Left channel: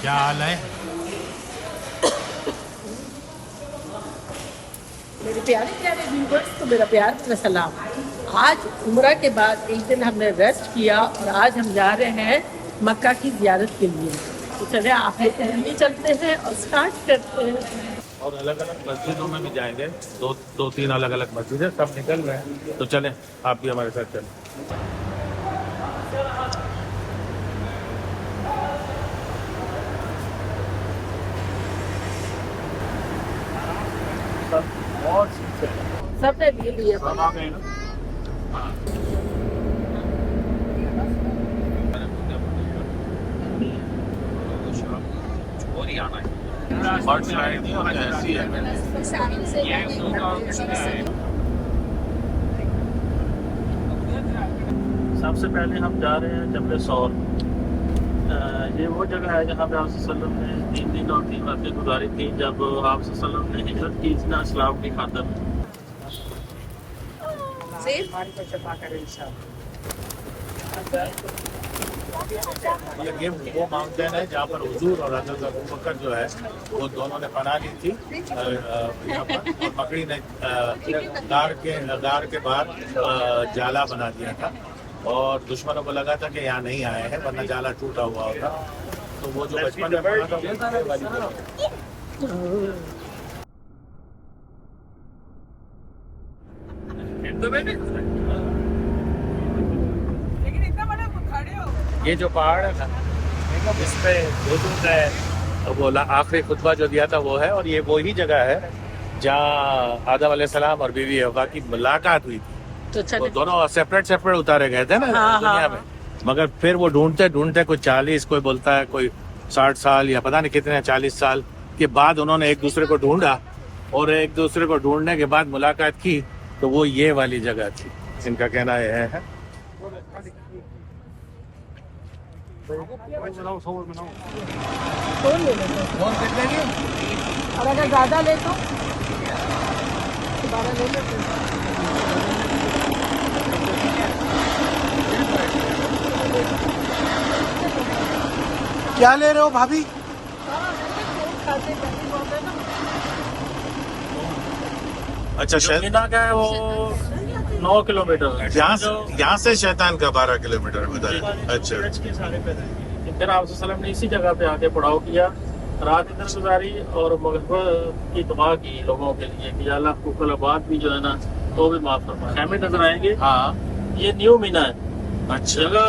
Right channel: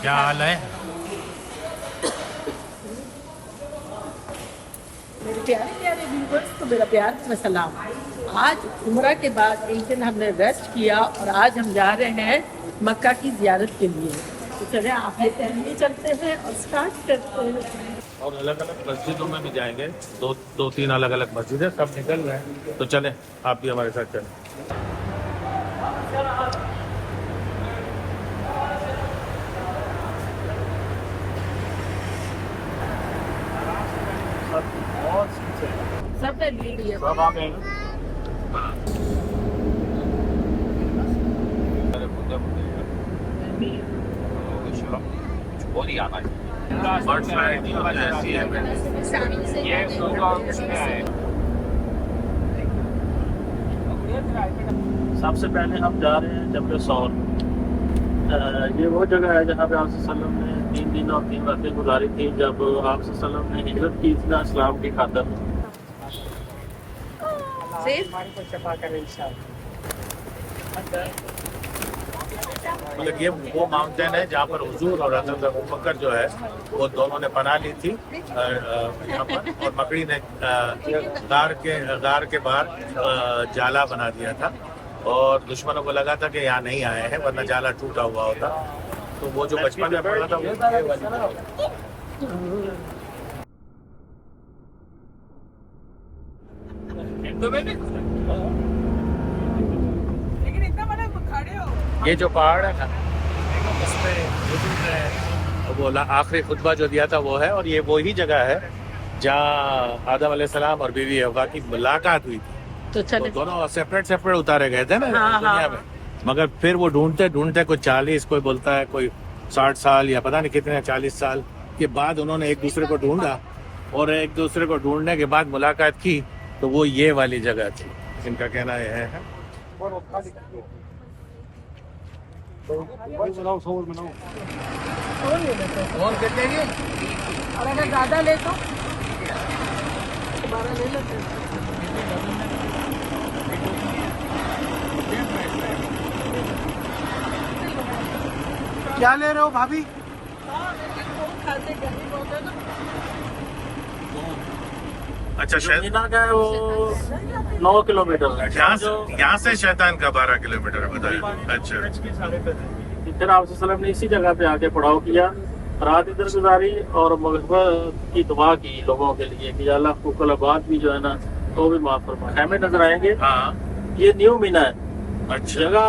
क्या हाल है? मेरे प्यारे प्यारे व्यूवर्स को मेरा प्यार में सलाम। आज उम्रा के बाद एक दिन हमने रेस्ट किया और आज हम जा रहे हैं मक्का की ज़ियारत के लिए। तो चले आप लोग हम भी चलते हैं और स्टार्ट करते हैं। और अलग अलग मस्जिदों में भी जाएंगे। दो तीन अलग अलग मस्जिद है, सब निकल रहे हैं। तो चलें, आप भी हमारे साथ चलें। बहुत सब ने ले लिए। सबसे पहले हम जा रहे हैं जबल सौर। ये वो जगह है जहाँ पे आप सल्लम ने 3 दिन और 3 रातें गुजारी थी जब आप सल्लम ने हिजरत की थी ना इस्लाम की खातर। मतलब ये वो माउंटेन है जहाँ पर हुजूर और हज़रत अबू बकर जो है वो दोनों ने पनाह ली थी यहाँ पर। और मकड़ी ने गार के बाहर जाला बना दिया था और दुश्मनों को लगा था कि यहाँ नहीं आए हैं, वरना जाला टूटा हुआ होता। तो वो जो बचपन में पढ़ा था वो ये वाली ये जो पहाड़ है ना, इस पे वो आखिरी खुतबा जो दिया था वो है। और ये वही जगह है जहाँ आदम अलैहिस्सलाम और बीवी हव्वा की मुलाकात हुई थी। तो वो दोनों सेपरेट उतारे गए थे ना दुनिया में। मगर फिर वो ढूंढते ढूंढते कोई 40, कोई बोलता है कोई 60 साल या पता नहीं कितने 40 साल के बाद उन्होंने एक दूसरे को ढूंढा और एक दूसरे को ढूंढने के बाद मुलाकात की। तो वो ये वाली जगह थी, इनका कहना ये है। और कितने की? अगर ज़्यादा ले तो 12 ले लेते हैं। क्या ले रहे हो भाभी? अच्छा, मीना का है वो 9 किलोमीटर है। यहाँ से शैतान का 12 किलोमीटर बताया। अच्छा, फिर आप सल्लम ने इसी जगह पे आके पड़ाव किया, रात इधर गुजारी और मग़फ़िरत की दुआ की लोगों के लिए कि अल्लाह कुल आबाद भी जो है ना वो भी माफ फरमा। खेमे नजर आएंगे। हाँ, ये न्यू मीना है। अच्छा जगह,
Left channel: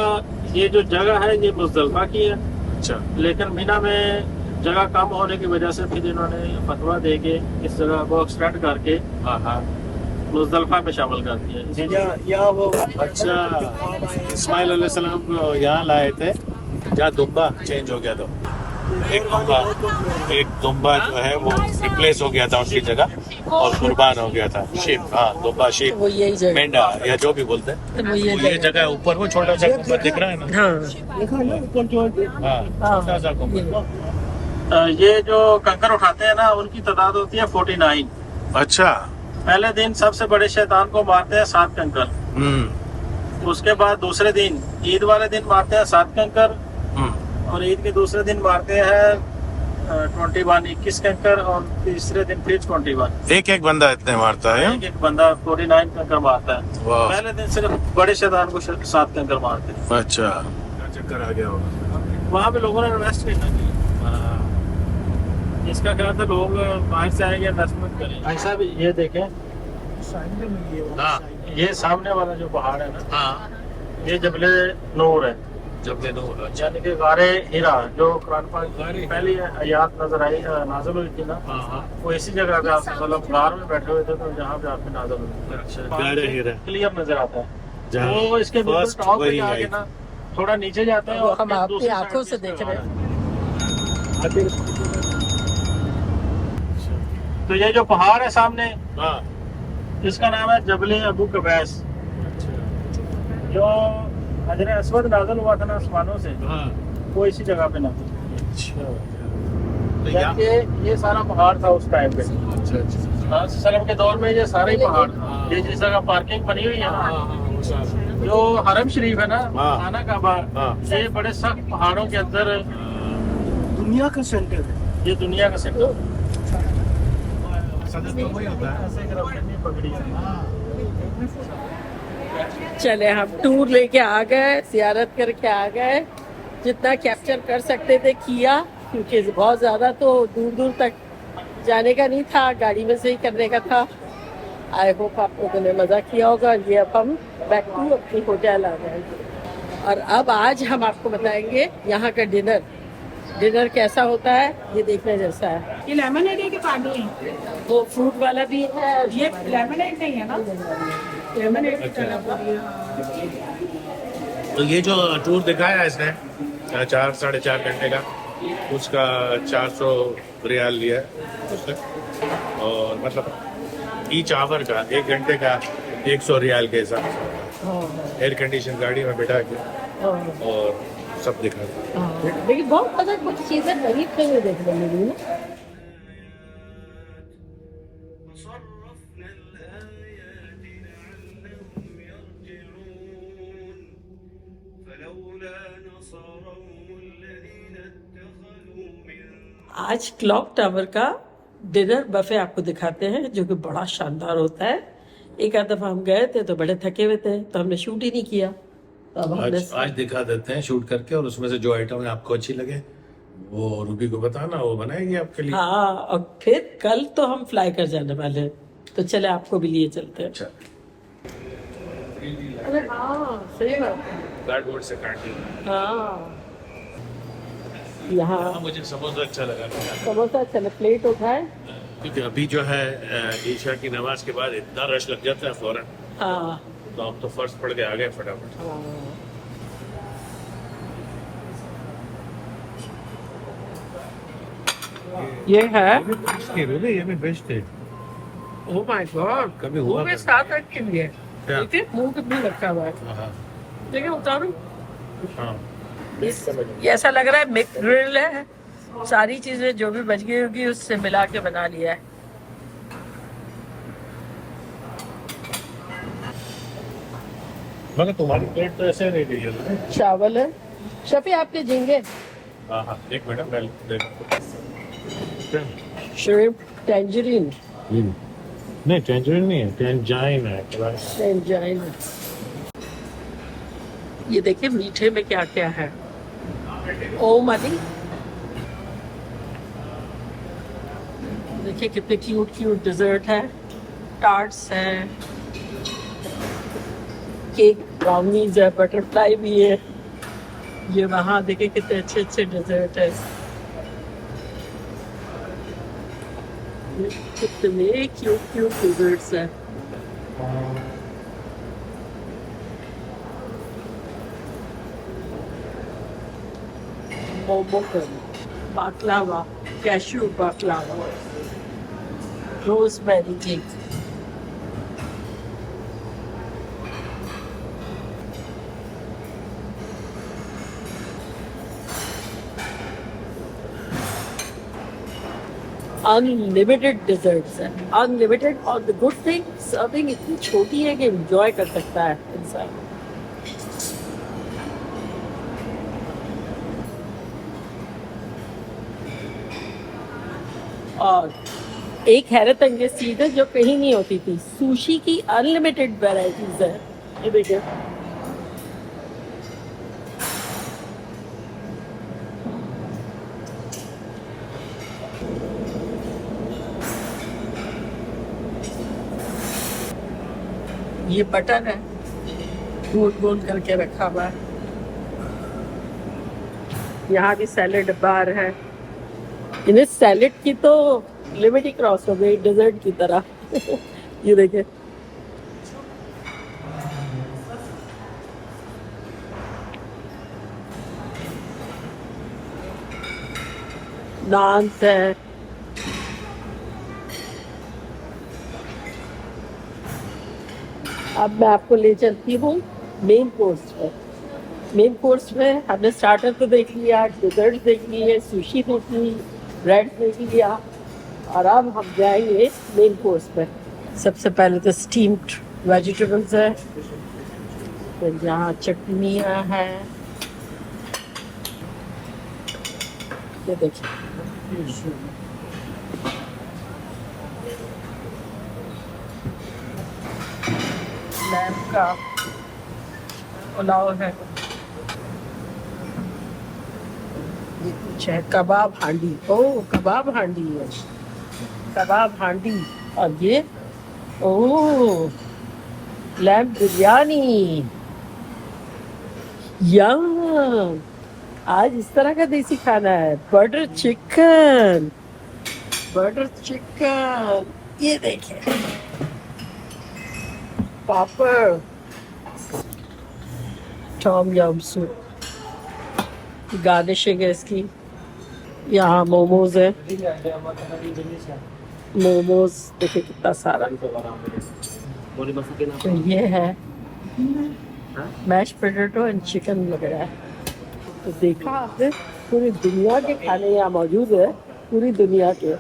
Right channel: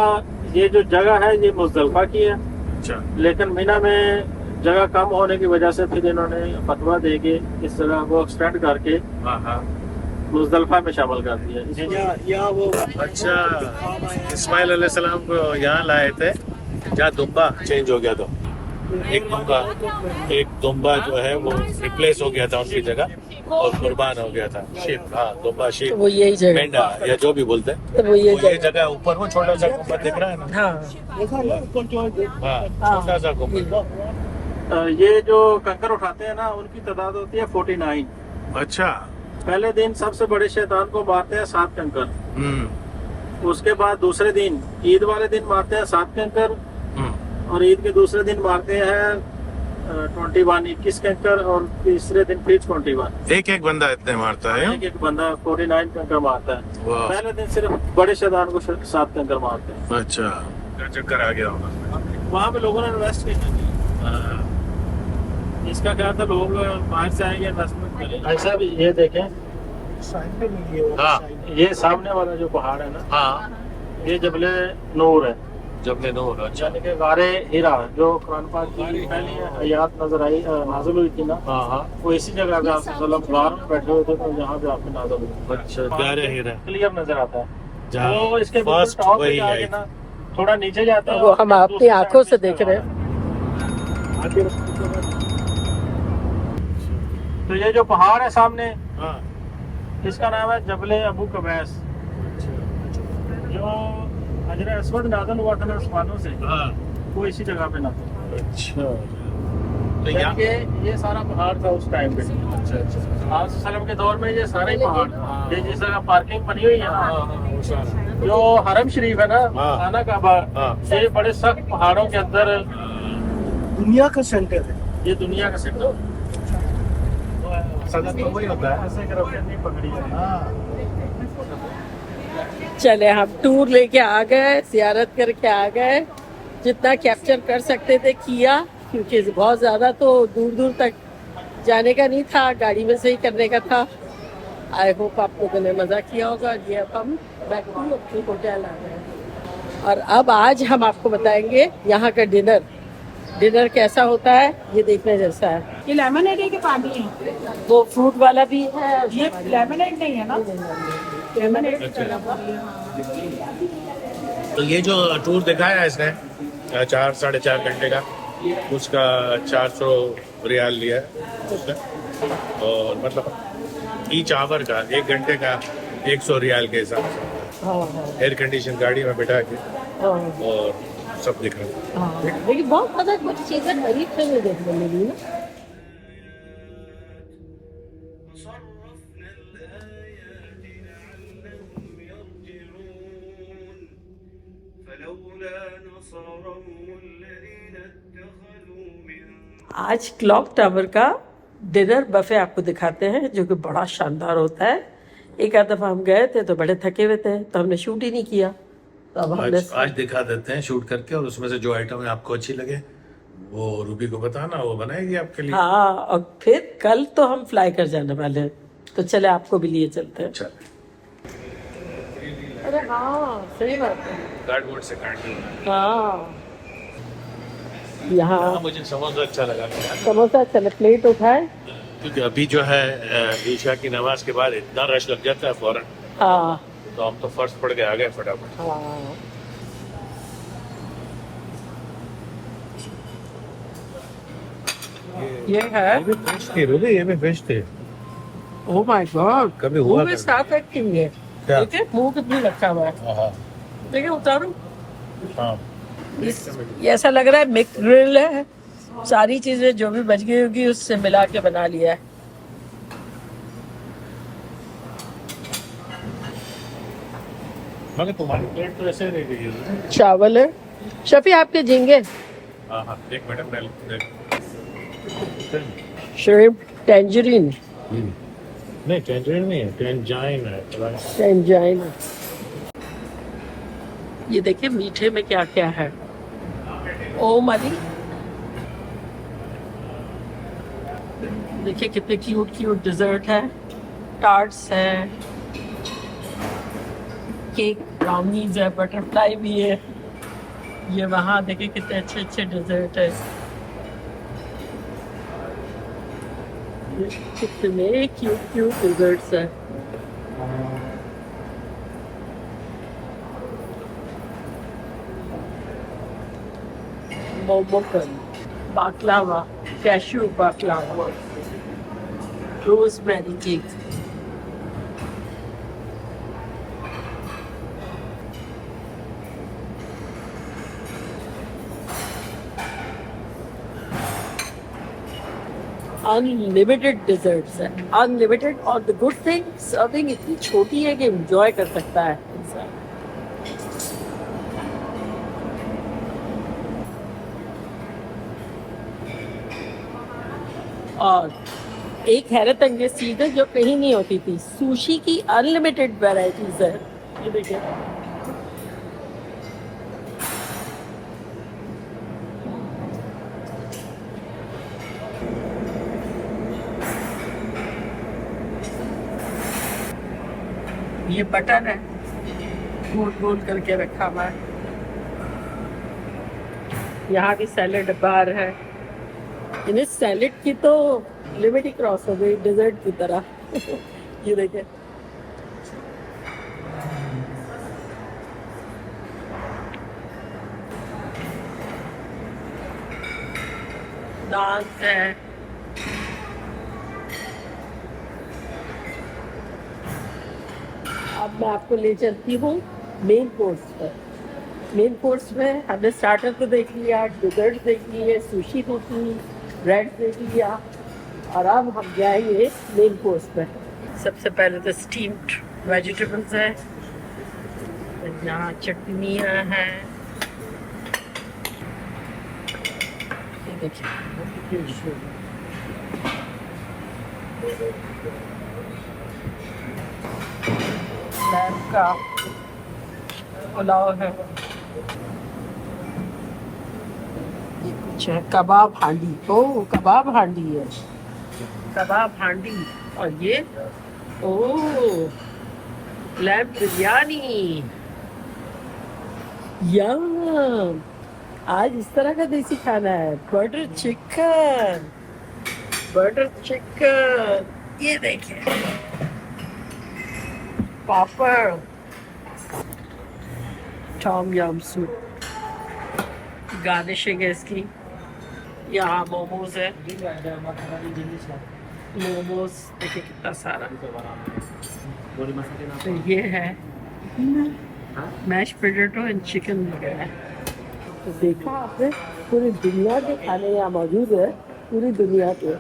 ये जो जगह है ये मुज़दलिफा की है। अच्छा, लेकिन मीना में जगह कम होने की वजह से फिर इन्होंने फतवा दे के इस जगह को एक्सटेंड करके हाँ मुज़दलिफा में शामिल कर दिया। या वो अच्छा, इस्माइल अलैहिस्सलाम को यहाँ लाए थे जहाँ दुम्बा चेंज हो गया। तो एक दुम्बा जो है वो रिप्लेस हो गया था उनकी जगह और कुर्बान हो गया था। शीप, हाँ दुम्बा, शीप, मेंढा या जो भी बोलते हैं। तो वो ये ये जगह ऊपर वो छोटा सा गुंबद दिख रहा है ना? हाँ, छोटा सा गुंबद। ये जो कंकर उठाते हैं ना उनकी तादाद होती है 49। अच्छा, पहले दिन सबसे बड़े शैतान को मारते हैं 7 कंकर। उसके बाद दूसरे दिन ईद वाले दिन मारते हैं 7 कंकर और ईद के दूसरे दिन मारते हैं 21 कंकर और तीसरे दिन फिर 21। एक बंदा इतने मारता है? एक बंदा 49 कंकर मारता है। पहले दिन सिर्फ बड़े शैतान को 7 कंकर मारते हैं। अच्छा, चक्कर आ गया होगा। वहाँ पे लोगों ने इन्वेस्ट नहीं किया। इसका क्या था, लोग बाहर से आएंगे इन्वेस्टमेंट करें। ऐसा भी ये देखें, हाँ ये सामने वाला जो पहाड़ है ना, हाँ, ये जबले नूर है। जबले नूर, यानी कि गारे हीरा जो कुरान पाक की पहली आयत नाज़िल हुई थी ना, वो इसी जगह पे आप सल्लम गार में बैठे हुए थे तो जहाँ पे आपकी नाज़िल हुई। अच्छा, गारे हीरा क्लियर नजर आता है। वो इसके फर्स्ट टॉप वही पे आके ना थोड़ा नीचे जाते हैं, वो हम अपनी आंखों से देख रहे हैं। तो ये जो पहाड़ है सामने, हाँ, इसका नाम है जबले अबू कबैस। जो हजर अस्वद नाज़िल हुआ था ना आसमानों से, वो इसी जगह पे ना। अच्छा, तो जबकि ये सारा पहाड़ था उस टाइम पे। अच्छा, सल्लम के दौर में ये सारे ही पहाड़, ये जिस जगह पार्किंग बनी हुई है ना, जो हरम शरीफ है ना, खाना काबा, ये बड़े सख्त पहाड़ों के अंदर दुनिया का सेंटर है, ये दुनिया का सेंटर। सदर तो वही होता है। ऐसे अगर आपने नहीं पकड़ी है। हाँ चले हम टूर लेके आ गए, जियारत करके आ गए, जितना कैप्चर कर सकते थे किया, क्योंकि बहुत ज़्यादा तो दूर दूर तक जाने का नहीं था, गाड़ी में से ही करने का था। आई होप आप लोगों ने मज़ा किया होगा। ये अब हम बैक टू अपने होटल आ गए और अब आज हम आपको बताएंगे यहाँ का डिनर कैसा होता है, ये देखने जैसा है। ये लेमनेड है कि पानी है? वो फ्रूट वाला भी है, ये लेमनेड नहीं है ना? लेमनेड तो ये जो टूर दिखाया है इसने 4-4.5 घंटे का, उसका 400 रियाल लिया है उसने, और मतलब ईच आवर का 1 घंटे का 100 रियाल के हिसाब से एयर कंडीशन गाड़ी में बैठा के और सब दिखा। लेकिन बहुत ज़्यादा कुछ चीज़ें करीब से नहीं देखने मिली ना। आज क्लॉक टावर का डिनर बफे आपको दिखाते हैं, जो कि बड़ा शानदार होता है। एक आध दफा हम गए थे तो बड़े थके हुए थे, तो हमने शूट ही नहीं किया। तो अब हमने आज दिखा देते हैं शूट करके, और उसमें से जो आइटम आपको अच्छी लगे वो रूबी को बताना, वो बनाएगी आपके लिए। हाँ, और फिर कल तो हम फ्लाई कर जाने वाले हैं, तो चले आपको भी लिए चलते हैं। अच्छा, अरे हाँ, सही बात है। कार्डबोर्ड से काट दी। हाँ, यहाँ मुझे समोसा अच्छा लगा, समोसा चले प्लेट उठाए। क्योंकि अभी जो है ईशा की नमाज के बाद इतना रश लग जाता है फौरन, हाँ तो हम तो फर्श पड़ के आ गए फटाफट। हाँ, ये है रूबी, ये में बेस्ट थे। ओह माय गॉड, कभी हुआ मुंह में साफ रखेंगे। क्या? देखिए मुंह कितनी रखा हुआ है। हाँ देखिए उतारू, हाँ, ये ऐसा लग रहा है मिक्स ग्रिल है। सारी चीजें जो भी बच गई होगी उससे मिला के बना लिया है। मगर तुम्हारी प्लेट तो ऐसे नहीं दी। चावल है, शफी आपके झींगे, हाँ हाँ, एक मिनट पहले। श्रिम्प, टेंजरीन, नहीं टेंजरीन नहीं है, टेंजाइन है। टेंजाइन। ये देखिए मीठे में क्या क्या है। ओ मली, देखिए कितने क्यूट क्यूट डिजर्ट है, टार्ट्स है, केक, ब्राउनीज है, बटरफ्लाई भी है। ये वहाँ देखिए कितने अच्छे अच्छे डिजर्ट है। कितने क्यूट क्यूट डिजर्ट्स है। मोमोकन, baklava, cashew baklava, rosemary cake. Unlimited desserts है, अनलिमिटेड। और द गुड थिंग, सर्विंग इतनी छोटी है कि एंजॉय कर सकता है इंसान। और एक हैरत अंगेज चीज है जो कहीं नहीं होती थी, सुशी की अनलिमिटेड वैरायटीज है। ये देखिए, ये बटन है, गोल गोल करके रखा हुआ है। यहाँ भी सैलेड बार है। इन्हें सैलेड की तो लिमिट ही क्रॉस हो गई डेजर्ट की तरह। ये देखिए, नान है, अब मैं आपको ले चलती हूँ मेन कोर्स पर। मेन कोर्स में हमने स्टार्टर को देख लिया, डिजर्ट देख लिए, सुशी देख ली, ब्रेड देख लिया, और अब हम जाएंगे मेन कोर्स पर। सबसे पहले तो स्टीम्ड वेजिटेबल्स है, फिर यहाँ चटनियाँ हैं, ये देखिए, लैम्प का पुलाव है, ये कुछ है कबाब हांडी। ओह कबाब हांडी है, कबाब हांडी। और ये ओह लैम्प बिरयानी। यम, आज इस तरह का देसी खाना है। बटर चिकन, बटर चिकन, ये देखिए, पापड़, टॉम यम सूप, गार्निशिंग है इसकी। यहाँ मोमोज है, मोमोज देखिए कितना सारा। तो ये है मैश पोटैटो एंड चिकन लग रहा है। तो देखा आपने, पूरी दुनिया के खाने यहाँ मौजूद है, पूरी दुनिया के।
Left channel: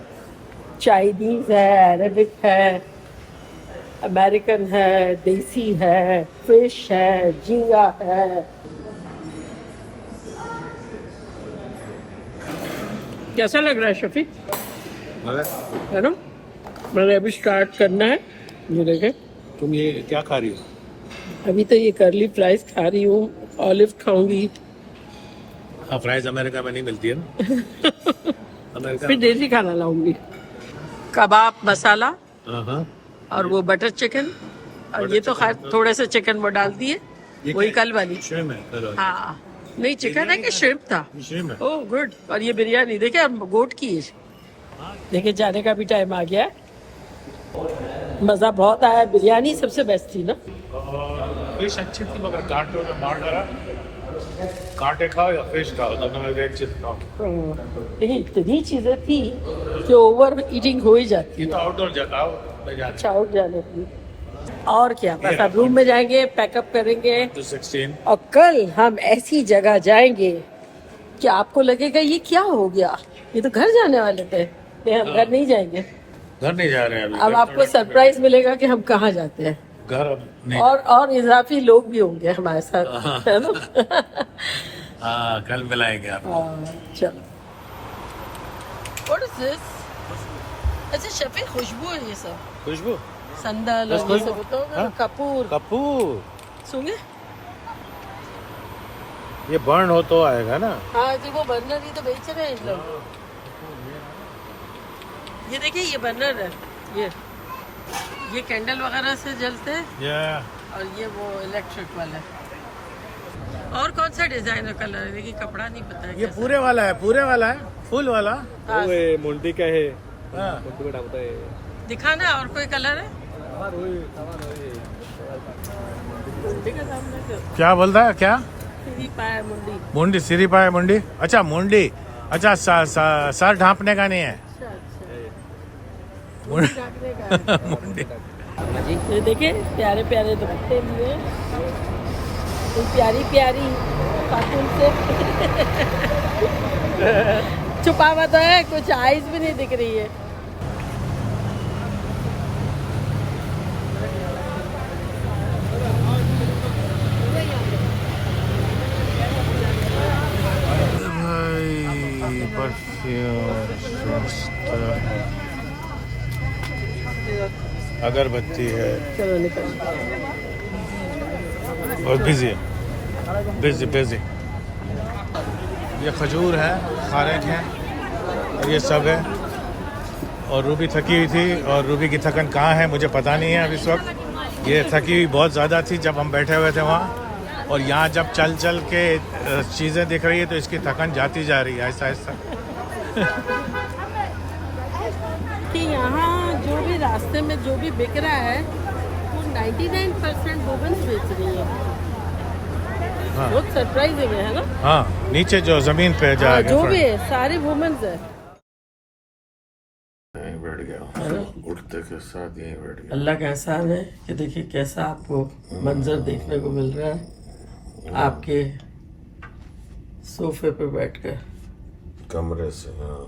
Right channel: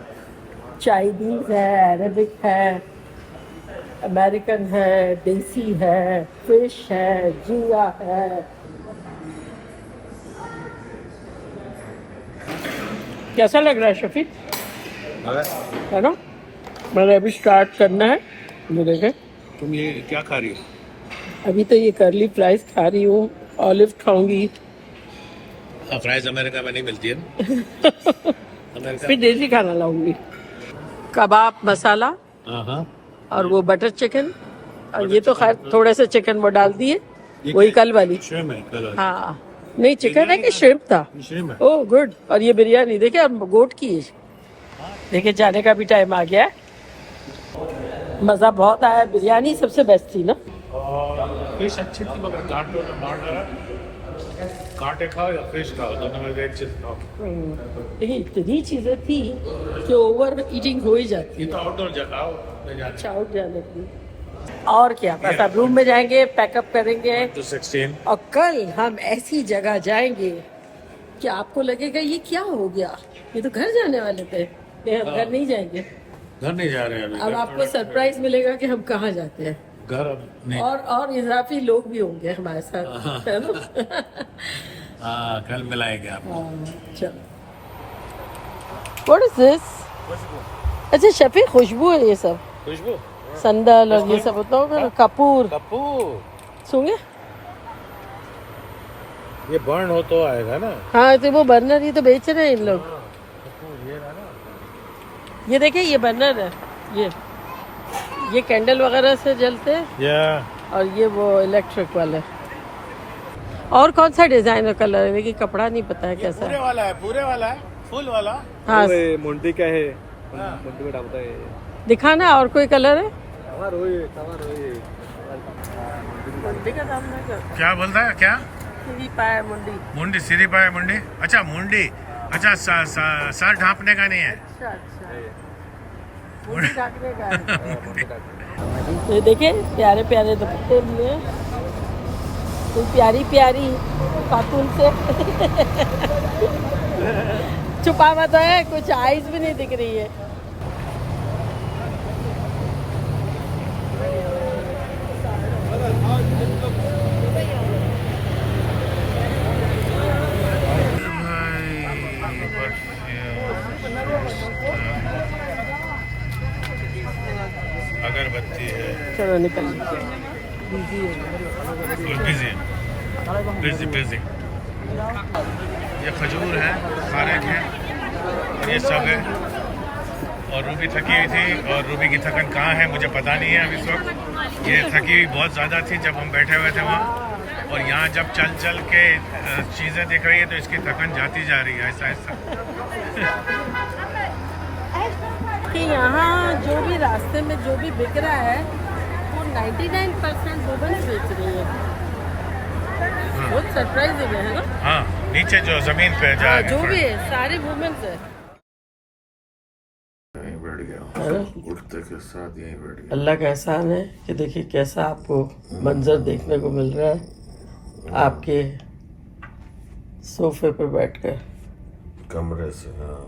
चाइनीज है, अरेबिक है, अमेरिकन है, देसी है, फिश है, झींगा है। कैसा लग रहा है शफीक? है ना, मैंने अभी स्टार्ट करना है। ये देखे, तुम ये क्या खा रही हो? अभी तो ये कर्ली फ्राइज खा रही हूँ, ऑलिव खाऊंगी। फ्राइज अमेरिका में नहीं मिलती है ना। अमेरिका फिर देसी खाना लाऊंगी। कबाब मसाला हाँ। और वो बटर चिकन, और ये तो खैर थोड़े से चिकन वो डाल दिए, वही कल वाली। श्रिम्प है कल वाली। हाँ नहीं, चिकन है कि श्रिम्प था? श्रिम्प है। Oh good. और ये बिरयानी देखिए, अब गोट की है। देखिए जाने का भी टाइम आ गया है। मज़ा बहुत आया, बिरयानी सबसे बेस्ट थी ना। फिश अच्छी थी मगर कांटों ने मार डाला। कांटे खाओ या फिश खाओ, दोनों में एक चीज खाओ। देखिए इतनी चीजें थी कि ओवर ईटिंग हो ही जाती ये है। तो आउटडोर जगह में जाते अच्छा आउट जाने की। और क्या, बस अब रूम में जाएंगे, पैकअप करेंगे, तो 16 और कल हम ऐसी जगह जाएंगे कि आपको लगेगा ये क्या हो गया, ये तो घर जाने वाले थे, नहीं हम घर नहीं जाएंगे। घर नहीं जा रहे हैं अभी। अब घर आपको थोड़ा- सरप्राइज मिलेगा कि हम कहाँ जाते हैं। घर अब नहीं। और इजाफी लोग भी होंगे हमारे साथ, है ना। हाँ कल मिलाएंगे आप। चलो, व्हाट इज दिस? अच्छा शफीक, खुशबू है ये सब, खुशबू संदल और ये सब होता होगा ना, कपूर कपूर सूंघे। ये बर्न हो तो आएगा ना। हाँ तो वो बर्नर ही तो बेच रहे हैं इन लोग। ये देखिए ये बर्नर है, ये कैंडल वगैरह से जलते हैं, या और ये वो इलेक्ट्रिक वाला। और कौन सा डिजाइन और कलर है, देखिए कपड़ा नहीं पता है कैसा। पूरे वाला है, पूरे वाला है, फुल वाला। हाँ मुंडी का है, मुंडी में डालता है। दिखाना, और कोई कलर है? मुंडी का दाम ना कर, क्या बोल रहा है? क्या सीधी पाया मुंडी। मुंडी सिरी पाए मुंडी? अच्छा मुंडी, अच्छा सर ढांपने का नहीं है। अच्छा अच्छा, मुंडी ढकने का है। ये देखिए प्यारे प्यारे दुपट्टे में, तो प्यारी प्यारी खातून से छुपा हुआ तो है, कुछ आइज भी नहीं दिख रही है। अगरबत्ती है चलो निकल। और बिजी बिजी बिजी। ये खजूर है, खारक है, ये सब है। और रूबी थकी हुई थी, और रूबी की थकन कहाँ है मुझे पता नहीं है अब इस वक्त। ये थकी हुई बहुत ज़्यादा थी जब हम बैठे हुए थे वहाँ, और यहाँ जब चल चल के चीज़ें दिख रही है तो इसकी थकन जाती जा रही है ऐसा ऐसा। कि यहाँ जो भी रास्ते में जो भी बिक रहा है वो 99% वुमेन्स बेच रही है। हाँ। बहुत सरप्राइजिंग है ना। हाँ नीचे जो ज़मीन पे जा हाँ, जो भी है सारे वुमेन्स है। यहीं बैठ गया, उठते के साथ यहीं बैठ गया। अल्लाह का एहसान है कि देखिए कैसा आपको मंजर देखने को मिल रहा है आपके सोफे पे बैठकर। कमरे से हाँ।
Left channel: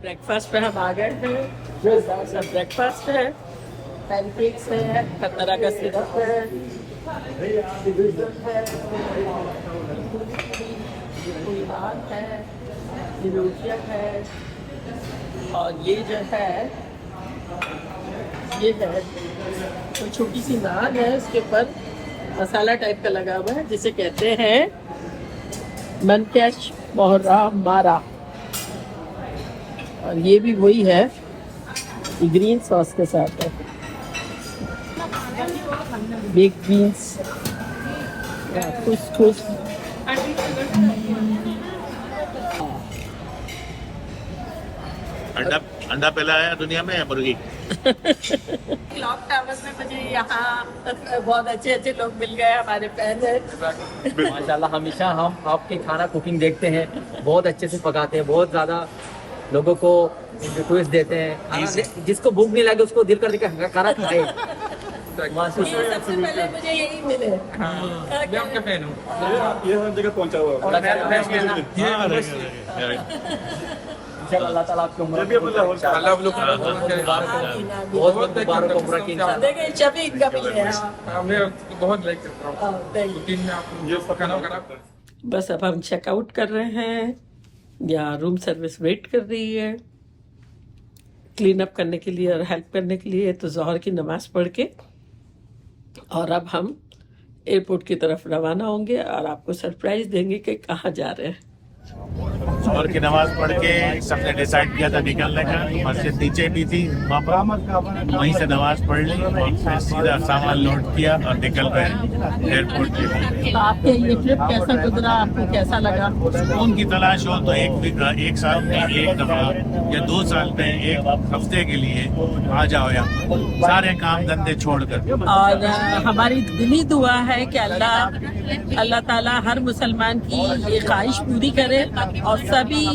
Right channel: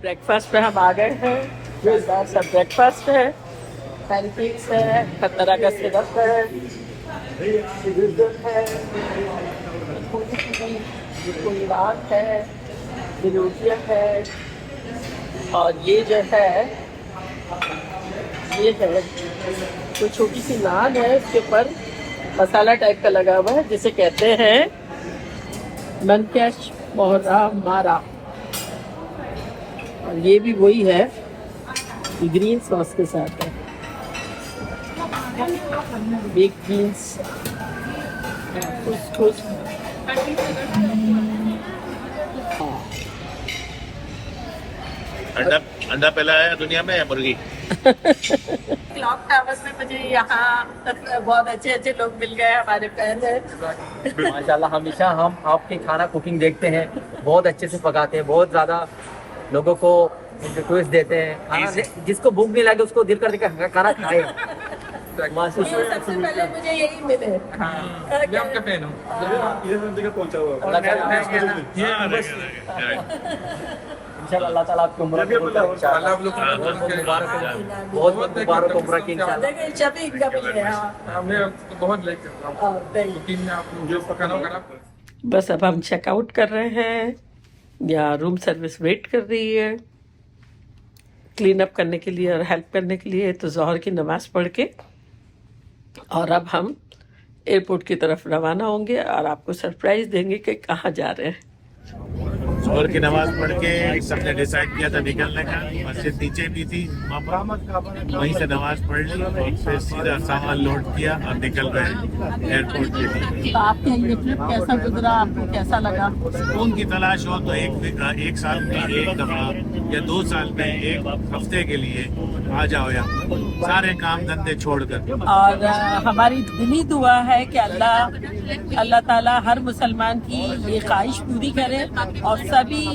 ब्रेकफास्ट पे हम आ गए हैं। जो सा ब्रेकफास्ट है, पैनकेक्स है, हर तरह का सिरप है, है, कोई नान है, रोटियाँ है, और ये जो है ये है तो छोटी सी नान है, उसके ऊपर मसाला टाइप का लगा हुआ है जिसे कहते हैं मनकेश मोहरा मारा। और ये भी वही है, ये ग्रीन सॉस के साथ है, बेक बीन्स, कुछ अंडा पहला है दुनिया में या मुर्गी? क्लॉक टावर में मुझे यहाँ बहुत अच्छे अच्छे लोग मिल गए, हमारे फैन हैं। माशाल्लाह हमेशा हम आपके खाना कुकिंग देखते हैं, बहुत अच्छे से पकाते हैं, बहुत ज़्यादा लोगों को ट्विस्ट देते हैं। खाना जिसको भूख नहीं लगे उसको दिल कर के खाना खाए। सबसे पहले मुझे यही मिले। मैं आपका फैन हूँ। अल्लाह ताला आपको बहुत मुबारक उम्र की इंशाल्लाह। देखिए शफीक का भी है। मैं बहुत लाइक करता हूँ कुकिंग में, आप जो पकाना होगा। बस अब हम चेकआउट कर रहे हैं, या रूम सर्विस वेट कर रही है क्लीन अप करने के लिए और हेल्प करने के लिए। तो ज़ोहर की नमाज़ पढ़ के और अब हम एयरपोर्ट की तरफ रवाना होंगे और आपको सरप्राइज़ देंगे कि कहाँ जा रहे हैं। जोहर की नमाज पढ़ के सबने डिसाइड किया था निकलने का। मस्जिद नीचे भी थी वहाँ पर, वहीं से नमाज पढ़ ली और फिर सीधा सामान लोड किया और निकल रहे हैं एयरपोर्ट के लिए। तो आपके ये ट्रिप कैसा गुजरा, आपको कैसा लगा? सुकून की तलाश हो तो एक साल में एक दफा या 2 साल में एक हफ्ते के लिए आ जाओ यहाँ, सारे काम धंधे छोड़कर। और हमारी दिली दुआ है कि अल्लाह ताला हर मुसलमान की ये ख्वाहिश पूरी करे और सभी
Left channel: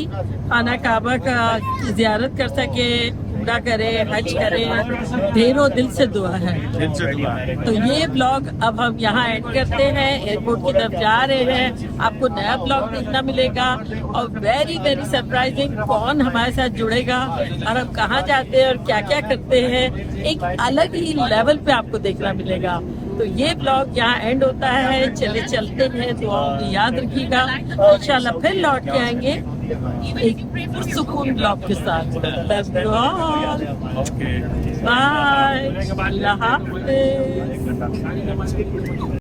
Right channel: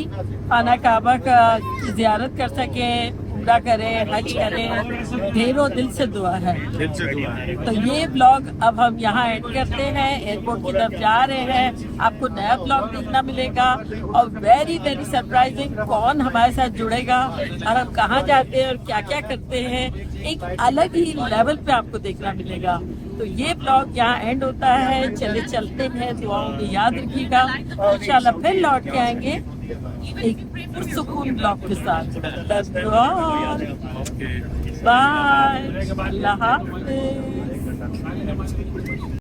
खाना काबा का ज़ियारत कर सके, उम्रा करे, हज करे। ढेरों दिल से दुआ है। दिल से दुआ है। तो ये ब्लॉग अब हम यहाँ एंड करते हैं, एयरपोर्ट की तरफ जा रहे हैं। आपको नया ब्लॉग देखना मिलेगा और वेरी वेरी सरप्राइजिंग कौन हमारे साथ जुड़ेगा और हम कहाँ जाते हैं और क्या क्या करते हैं, एक अलग ही लेवल पे आपको देखना मिलेगा। तो ये ब्लॉग यहाँ एंड होता है। चलते हैं, दुआओं में याद रखिएगा। इंशाल्लाह फिर लौट के आएंगे एक पुरसुकून ब्लॉग के साथ। Love you all, bye, Allah Hafiz.